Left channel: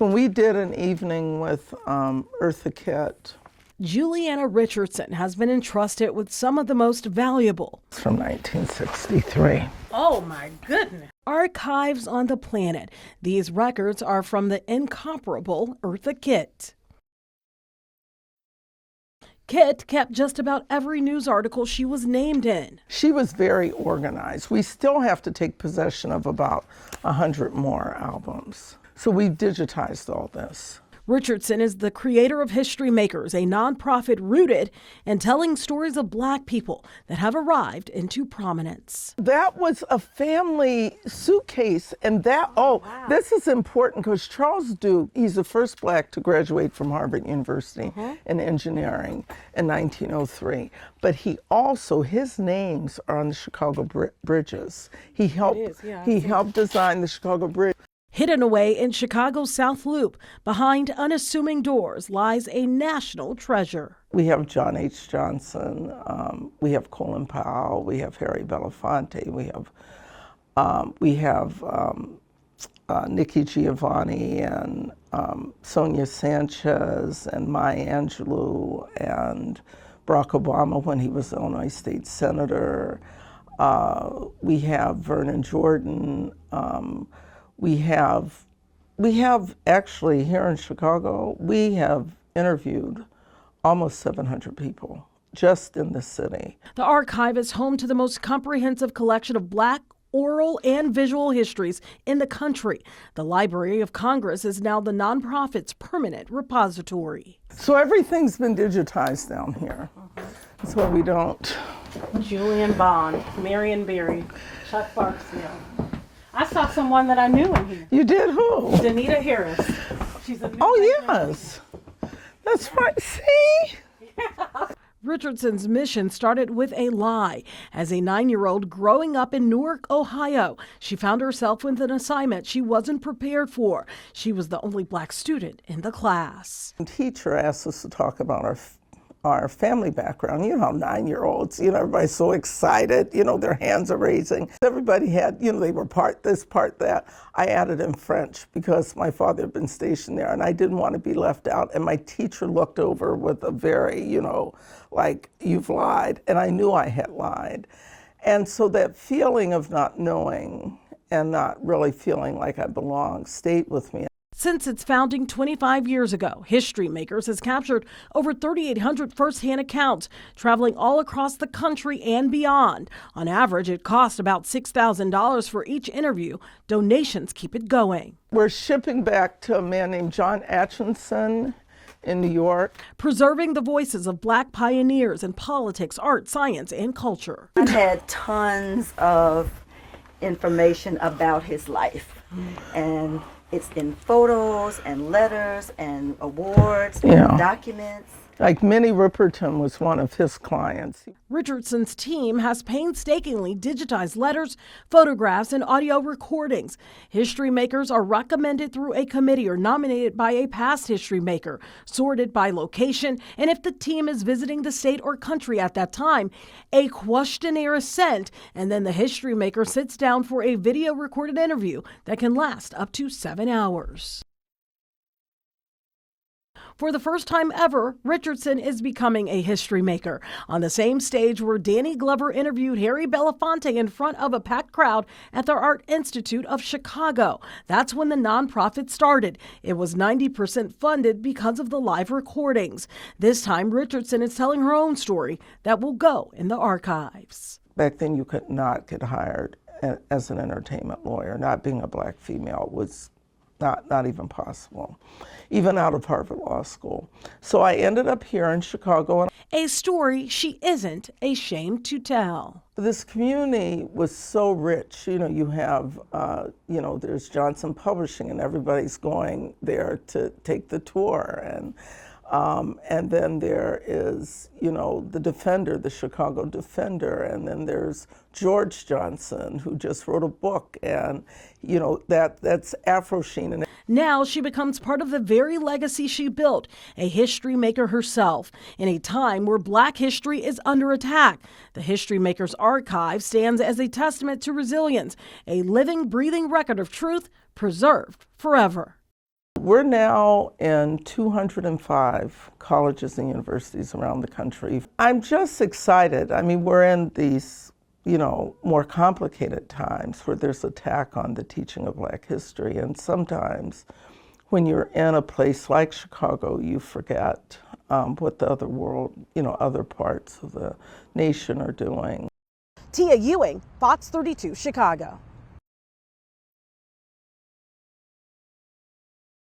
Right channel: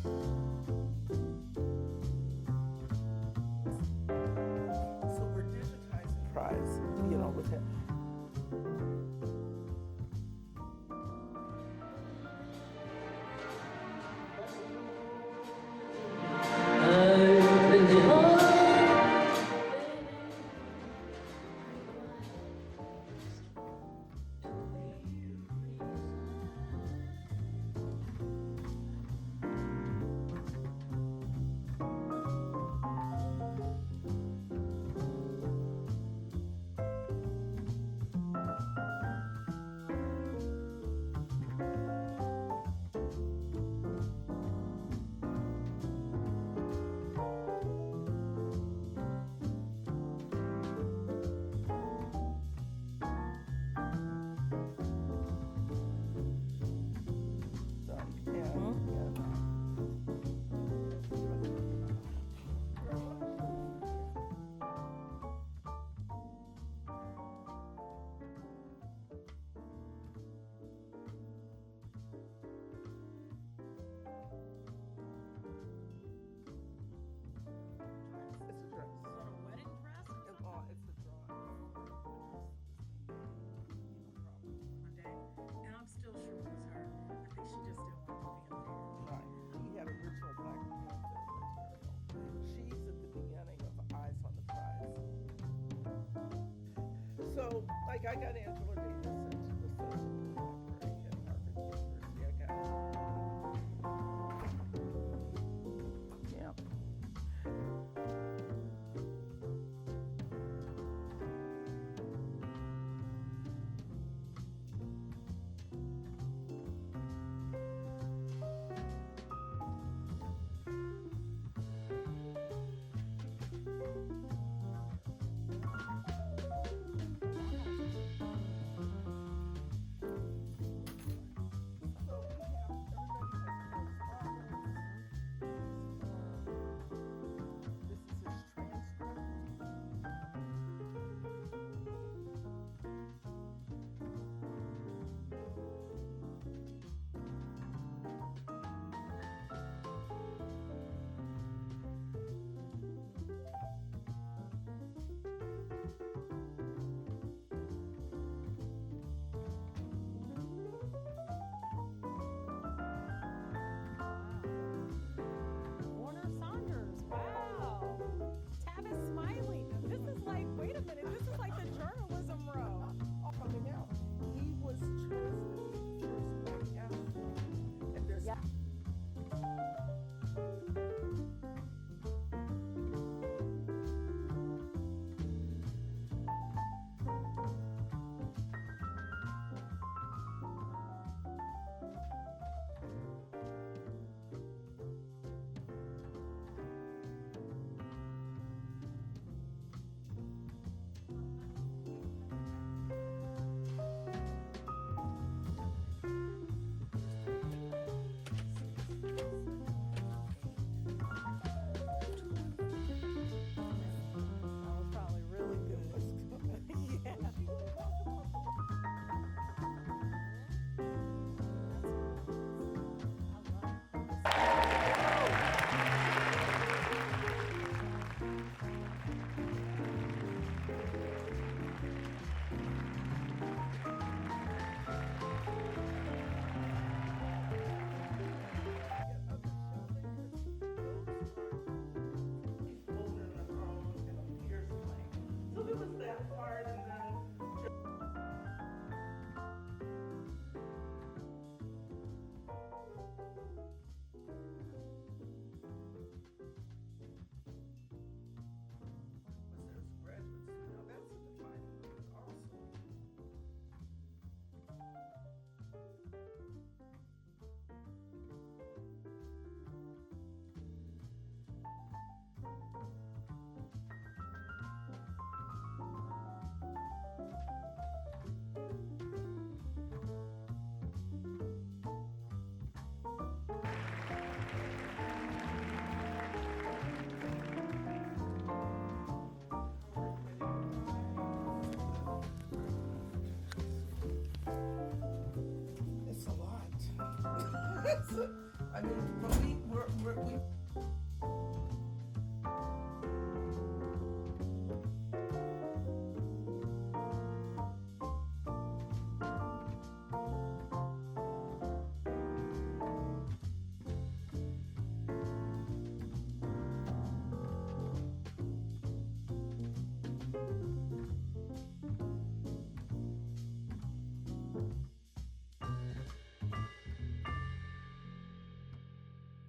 When we did an evening with Eartha Kitt. Juliana Richardson has been entrusted with some of the most valuable. It's from 1963. Oh my goodness. Archives on the planet. These records are from the incomparable Eartha Kitt. Kitt kept just about every news article she was named in. She was very organized. We still have to take possession of about 100 more albums. So we've digitized all this. Richardson is the creator of HistoryMakers, a nonprofit rooted in telling stories of Black people that have arrived into prominence. That was a family suitcase, and this is important because Charles Duke, he's the first Black to graduate from Harvard University in engineering in 1903. But he also, his names are on the Chicago bridges. He helped design the Chicago Bridge. Hidden away in Chicago's South Loop, behind unassuming doors, lies a national treasure. We have John H. Johnson, we have Colin Powell, we have Harry Belafonte, we have Nikki Giovanni and Sonia Sanchez and Maya Angelou and Barack Obama when he was Illinois State Senator. We have Vernon Jordan. We have actually here in Chicago, we have interviewed almost 700 people just in the city. The archive is home to the most comprehensive collection of Black oral and visual histories in the country. The Library of Congress is now the nonprofit's permanent repository. So everything's been digitized down here. That's why we don't. Julian Bond, Marion Berry, Chuck Barksdale. I saw someone that I knew in here. You did? Who? Danita Harris. She's a new yes. That's right. See? Yeah. Richardson's mission started with a lie. As a 9-year-old growing up in Newark, Ohio, she found herself with an assignment she wasn't prepared for. She was the only Black student in the class. The teacher asked us to talk about our family background. You know how 9-year-olds, everybody's so excited, their hands are raising. Everybody had, they were part this, part that. I added in French because my father had been stationed there and I didn't want to be left out. And my teacher looked over with a very, like, you've lied. And I knew I had lied. And so that feeling of not knowing and not really feeling like I belonged stayed with me. Since its founding 25 years ago, HistoryMakers has captured over 3,800 first-hand accounts, traveling all across the country and beyond. On average, it costs about $6,000 for each interview. Donations keep it going. We're shipping back to a man named John Atchison in New York. Preserving the voices of Black pioneers in politics, art, science, and culture. I had tons of information about his life, and it's in photos and letters and awards and documents. Like Minnie Riperton was one of his clients. Richardson's team has painstakingly digitized letters, photographs, and audio recordings. HistoryMakers are recommended through a committee or nominated by a past history maker, sorted by location, and if the team is visiting the state or country at that time, a questionnaire is sent, and then the history maker sits down for a video recorded interview that can last up to 7 hours. For the first time ever, Richardson is becoming a history maker. On the same stage where Danny Glover interviewed Harry Belafonte in front of a packed crowd at the Art Institute of Chicago. That's when the nonprofit started. It was 90% funded because of the live recordings. This time, Richardson is telling her own story that will go in the archives. Back then, you could not get hired as an entertainment lawyer. Not being a Black female was not even possible, even out of Harvard Law School. So I ended up here in Chicago. A story she isn't ashamed to tell. This community was so rich. You have, there's Johnson Publishing, and everybody's going there to take the tour. And then there is, the Defender, the Chicago Defender, and then there's George Johnson, who just wrote a book, and that's Afro Sheen. Now she becomes part of the very legacy she built, a history maker herself, in a time where Black history is under attack. The HistoryMakers archive stands as a testament to resilience, a living, breathing record of truth preserved forever. We're now in 205 colleges and universities around the country. I'm just excited. I mean, we're in these, more complicated times where there's attack on the teaching of Black history, and sometimes when you're in a place like Chicago, you forget what the other world, other parts of the nation are doing. Tia Ewing, Fox 32, Chicago.